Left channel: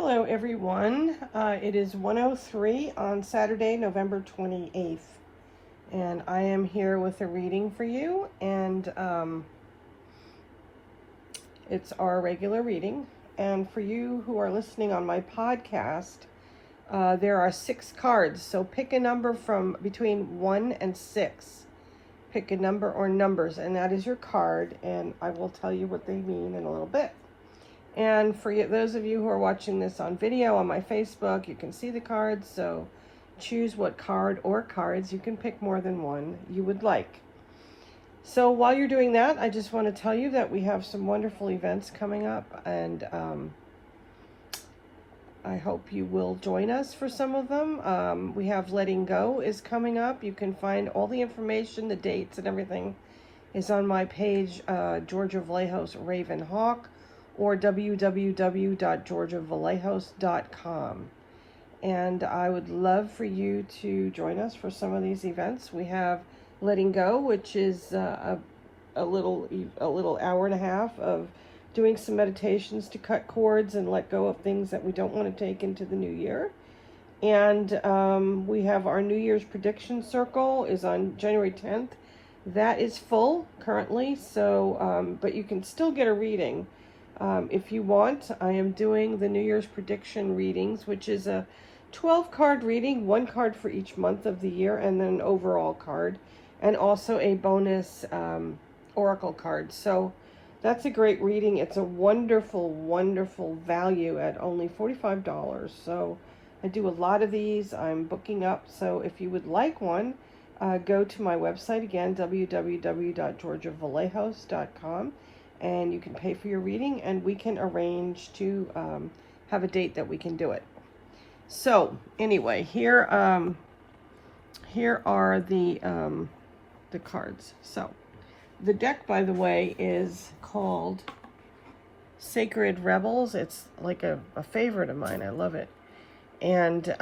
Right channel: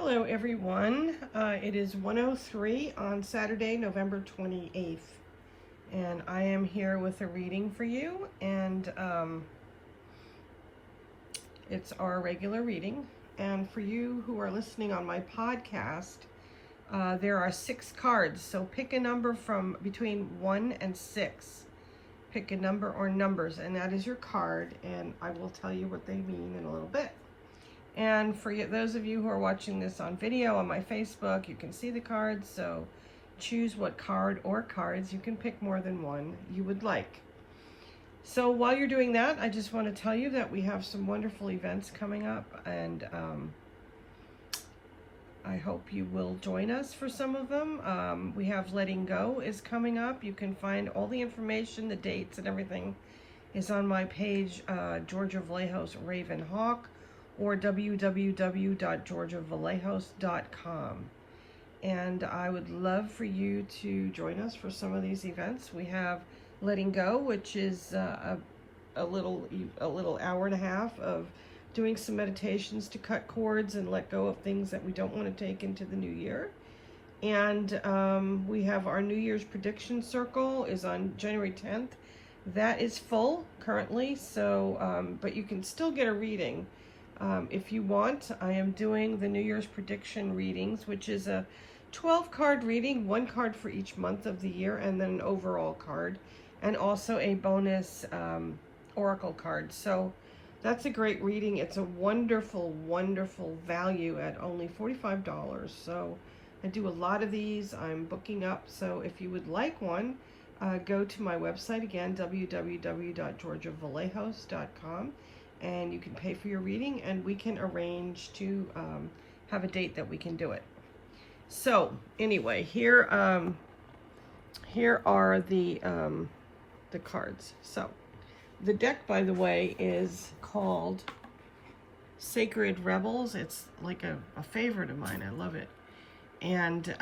Hello everyone. It is 1:03 on Saturday, November 28th, and I am here with a reading for you, and it's our regular reading. And for you who are listening on my podcast, there are 6 cards, so pick a number from between 1 and 6. Pick a number or numbers, and that is your card, and I will tell you what they mean in a little bit. And for those of you who are watching this on video on my Facebook, you can see the cards, so choose what card or cards, you can pick more than one, you would like. So while you're doing that, I just want to tell you that we have some wonderful events coming up, and I hope you will join us for some of them. We have Letting Go is coming up. You can find all the information, the dates and everything is on my page, Georgia Vallejos Raven Hawk, or www.georgiavallejos.com. And I would love for you to join us for some of these events. We have Letting Go, which is a little hour and a half of doing some meditations to cut cords and let go of things that we don't want to take into the new year. And we have our New Year's prediction circle is on January 10th. That is full currently, so but you can still get a reading. If you want, I am doing the New Year's prediction readings, which is a 12-card reading, 1 card for each month of the year, and then an overall card, and also a bonus oracle card. So that's a great reading. It's a wonderful, wonderful value at only $45. So I do a lot of these. I'm booking up. So if you would like one, go to my website again, www.georgiavallejos.com. and you can pay for your reading, and we can arrange to have a date that we can do it. So anyway, here are the cards. So the deck, by the way, is called Sacred Rebels. It's like a favorite of mine. I love it, and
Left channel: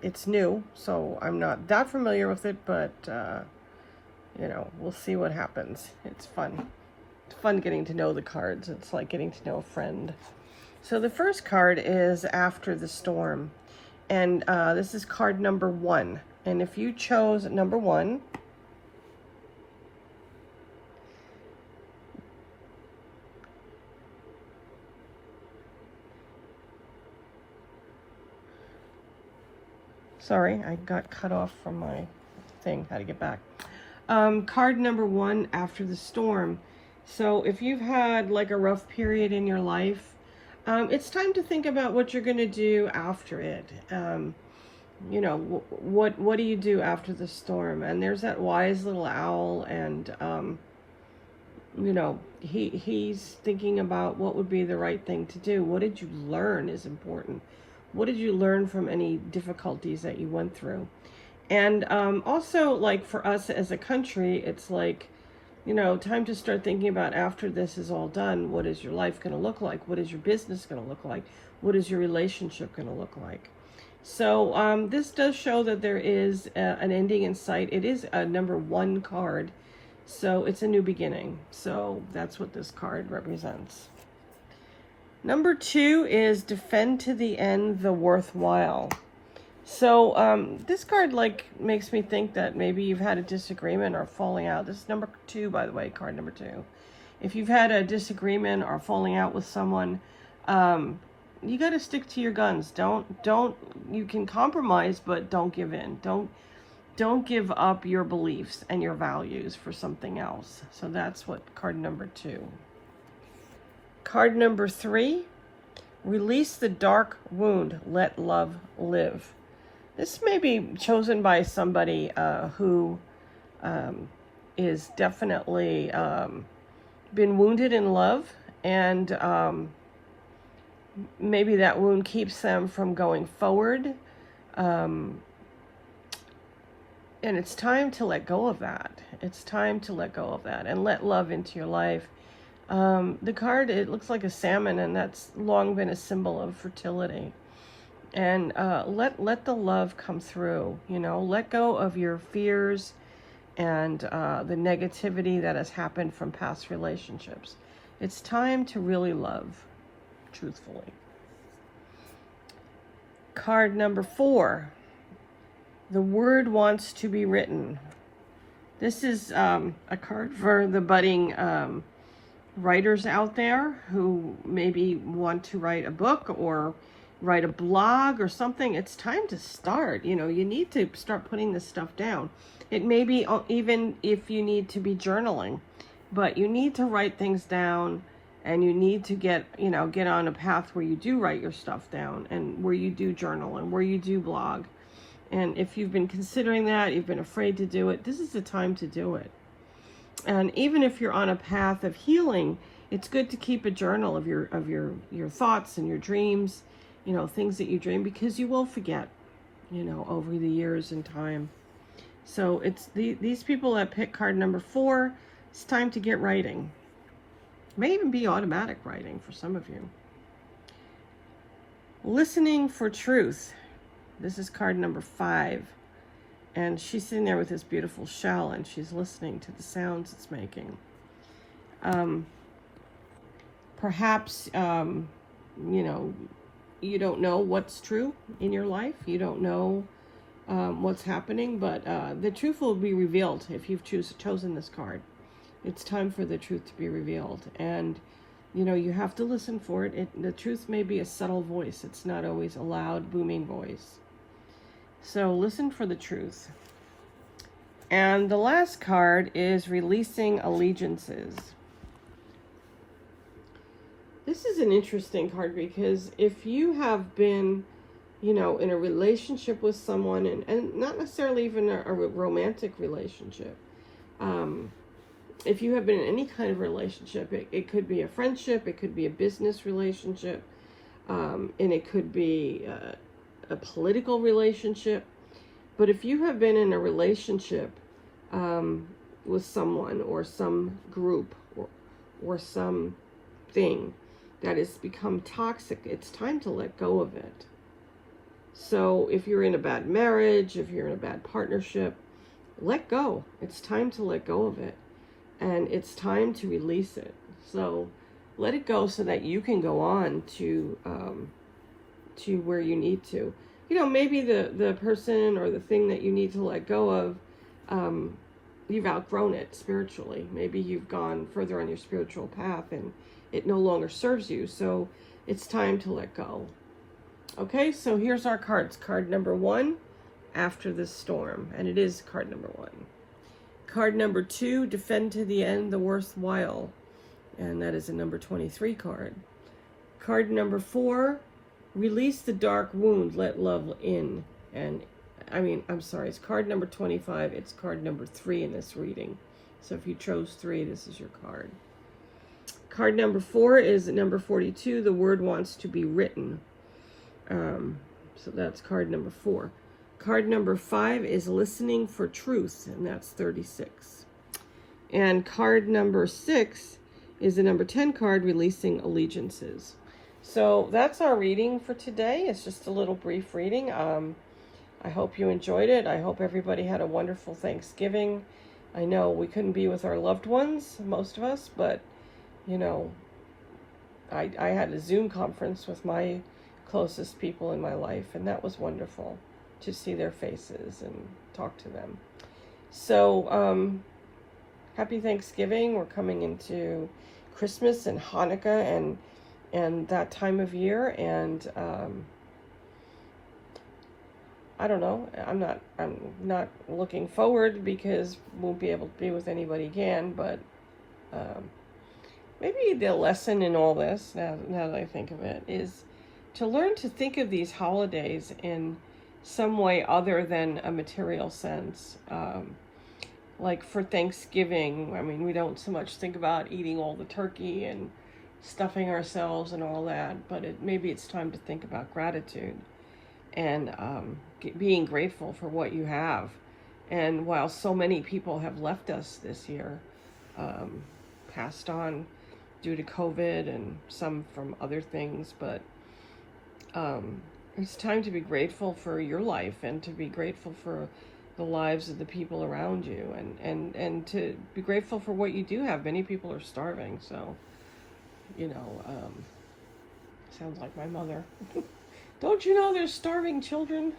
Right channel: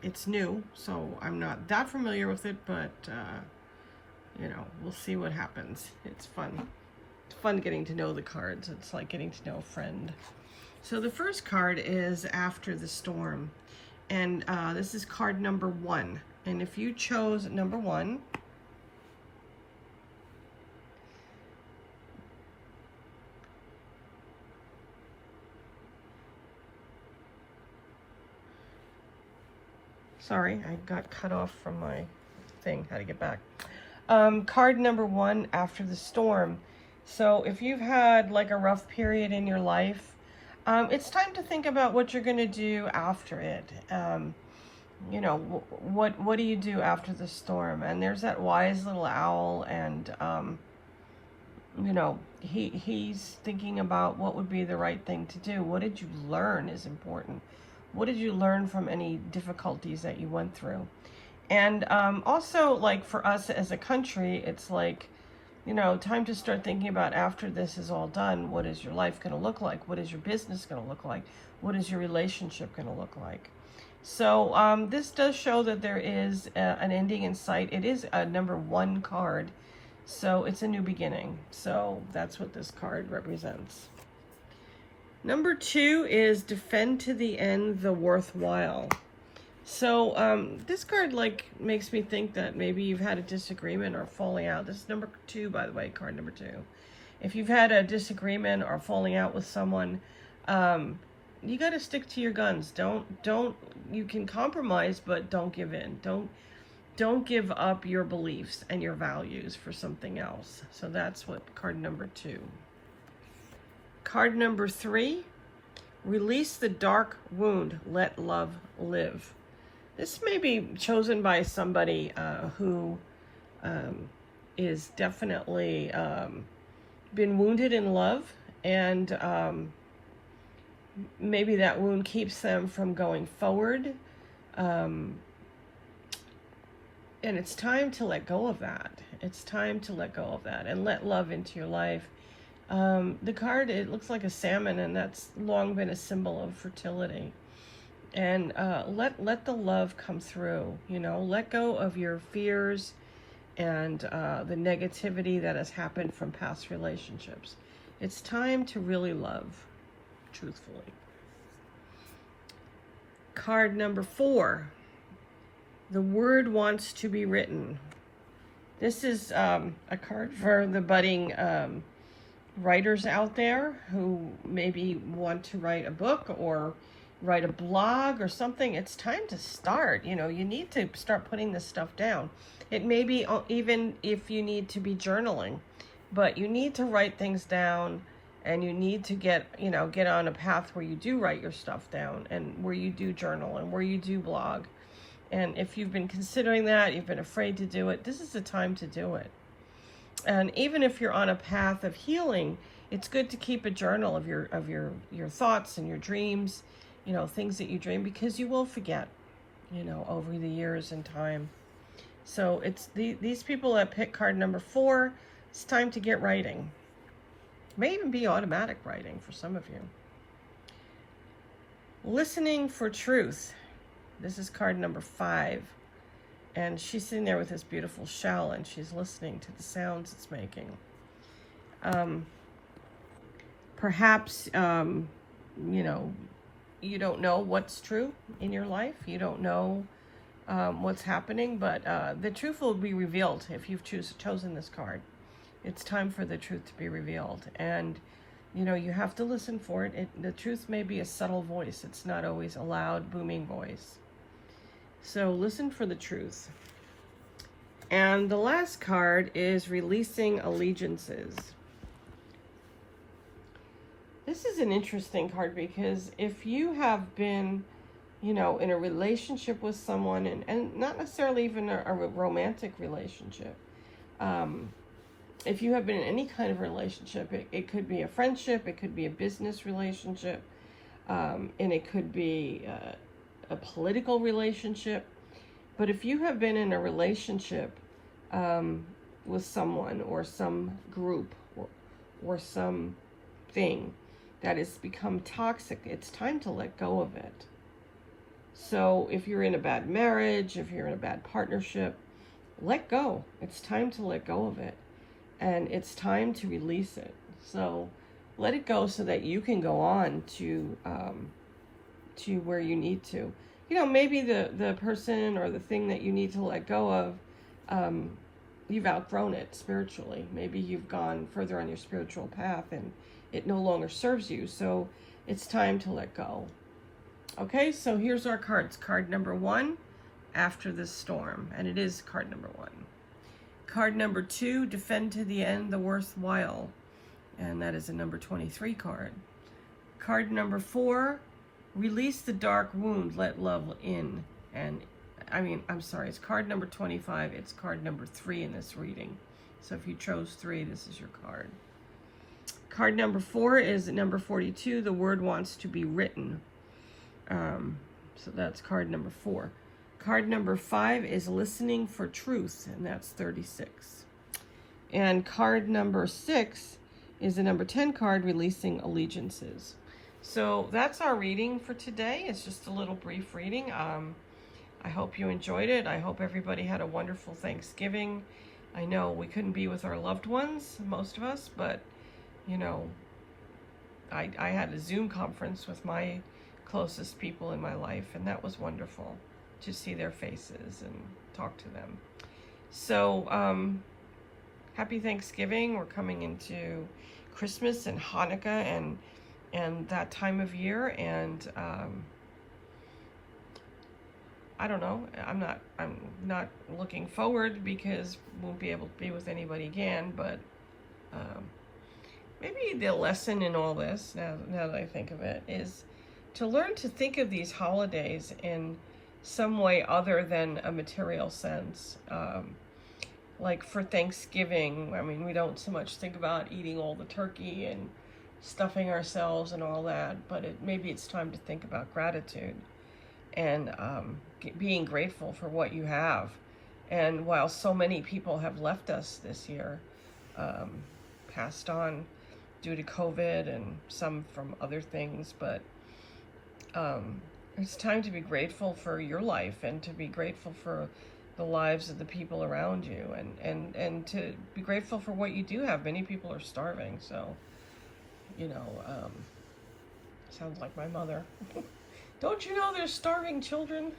it's new, so I'm not that familiar with it, but you know, we'll see what happens. It's fun. Fun getting to know the cards. It's like getting to know a friend. So the first card is After the Storm, and this is card number 1. And if you chose number 1, sorry, I got cut off from my thing, how to get back. Card number 1, After the Storm. So if you've had like a rough period in your life, it's time to think about what you're going to do after it. You know, what do you do after the storm? And there's that wise little owl, and you know, he's thinking about what would be the right thing to do. What did you learn is important. What did you learn from any difficulties that you went through? And also, like for us as a country, it's like, you know, time to start thinking about after this is all done, what is your life going to look like? What is your business going to look like? What is your relationship going to look like? So this does show that there is an ending in sight. It is a number 1 card, so it's a new beginning. So that's what this card represents. Number 2 is Defend to the End the Worthwhile. So this card like makes me think that maybe you've had a disagreement or falling out. This is number 2, by the way, card number 2. If you've had a disagreement or falling out with someone, you got to stick to your guns. Don't you can compromise, but don't give in. Don't give up your beliefs and your values for something else. So that's what card number 2. Card number 3, Release the Dark Wound, Let Love Live. This may be chosen by somebody who is definitely been wounded in love, and maybe that wound keeps them from going forward. And it's time to let go of that. It's time to let go of that and let love into your life. The card, it looks like a salmon, and that's long been a symbol of fertility. And let the love come through, you know, let go of your fears and the negativity that has happened from past relationships. It's time to really love, truthfully. Card number 4, the word wants to be written. This is a card for the budding writers out there who maybe want to write a book or write a blog or something. It's time to start. You know, you need to start putting this stuff down. It may be even if you need to be journaling, but you need to write things down, and you need to get on a path where you do write your stuff down, and where you do journal, and where you do blog. And if you've been considering that, you've been afraid to do it, this is the time to do it. And even if you're on a path of healing, it's good to keep a journal of your thoughts and your dreams, you know, things that you dream, because you will forget, you know, over the years and time. So it's these people that pick card number 4, it's time to get writing. It may even be automatic writing for some of you. Listening for truth. This is card number 5. And she's sitting there with this beautiful shell, and she's listening to the sounds it's making. Perhaps, you know, you don't know what's true in your life. You don't know what's happening, but the truth will be revealed if you've chosen this card. It's time for the truth to be revealed. And, you know, you have to listen for it. The truth may be a subtle voice. It's not always a loud, booming voice. So listen for the truth. And the last card is releasing allegiances. This is an interesting card, because if you have been, you know, in a relationship with someone, and not necessarily even a romantic relationship, if you have been in any kind of relationship, it could be a friendship, it could be a business relationship, and it could be a political relationship. But if you have been in a relationship with someone or some group or something that has become toxic, it's time to let go of it. So if you're in a bad marriage, if you're in a bad partnership, let go. It's time to let go of it, and it's time to release it. So let it go so that you can go on to where you need to. You know, maybe the person or the thing that you need to let go of, you've outgrown it spiritually. Maybe you've gone further on your spiritual path and it no longer serves you. So it's time to let go. Okay, so here's our cards. Card number 1, After the Storm. And it is card number 1. Card number 2, Defend to the End the Worthwhile. And that is a number 23 card. Card number 4, Release the Dark Wound, Let Love In. And I'm sorry, it's card number 25. It's card number 3 in this reading. So if you chose 3, this is your card. Card number 4 is number 42. The Word Wants to Be Written. So that's card number 4. Card number 5 is Listening for Truth, and that's 36. And card number 6 is the number 10 card, Releasing Allegiances. So that's our reading for today. It's just a little brief reading. I hope you enjoyed it. I hope everybody had a wonderful Thanksgiving. I know we couldn't be with our loved ones, most of us, but, you know, I had a Zoom conference with my closest people in my life, and that was wonderful to see their faces and talk to them. So, happy Thanksgiving. We're coming into Christmas and Hanukkah and that time of year, and I don't know, I'm not looking forward because won't be able to be with anybody again, but maybe the lesson in all this, now that I think of it, is to learn to think of these holidays in some way other than a material sense. Like for Thanksgiving, I mean, we don't so much think about eating all the turkey and stuffing ourselves and all that, but maybe it's time to think about gratitude and being grateful for what you have. And while so many people have left us this year, passed on due to COVID and some from other things, but it's time to be grateful for your life and to be grateful for the lives of the people around you, and to be grateful for what you do have. Many people are starving, so, you know, sounds like my mother. Don't you know there's starving children?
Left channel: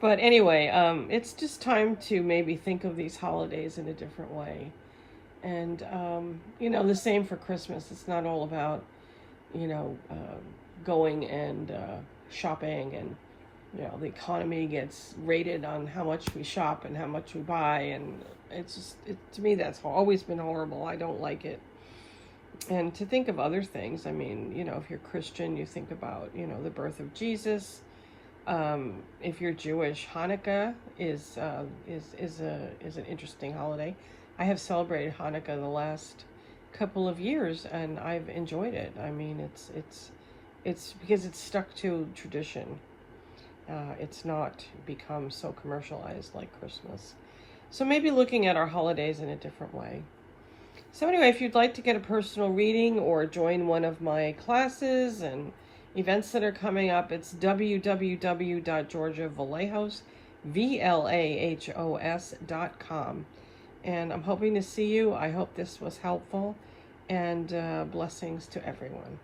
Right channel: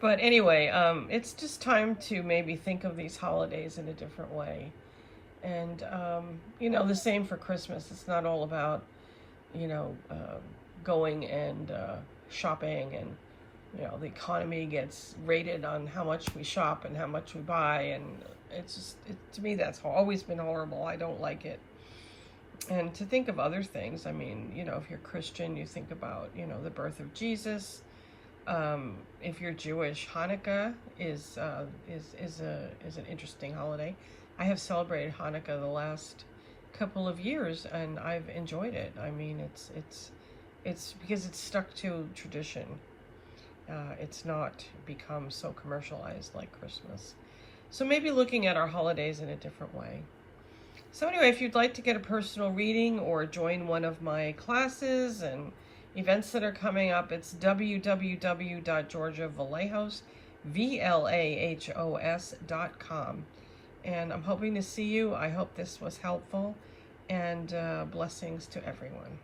But anyway, it's just time to maybe think of these holidays in a different way. And, the same for Christmas. It's not all about, going and shopping, and, the economy gets rated on how much we shop and how much we buy. And it's just, to me, that's always been horrible. I don't like it. And to think of other things, I mean, if you're Christian, you think about, the birth of Jesus. If you're Jewish, Hanukkah is an interesting holiday. I have celebrated Hanukkah the last couple of years, and I've enjoyed it. I mean, it's because it's stuck to tradition. It's not become so commercialized like Christmas. So maybe looking at our holidays in a different way. So anyway, if you'd like to get a personal reading or join one of my classes and events that are coming up, it's www.georgiavallejos.com. And I'm hoping to see you. I hope this was helpful, and blessings to everyone.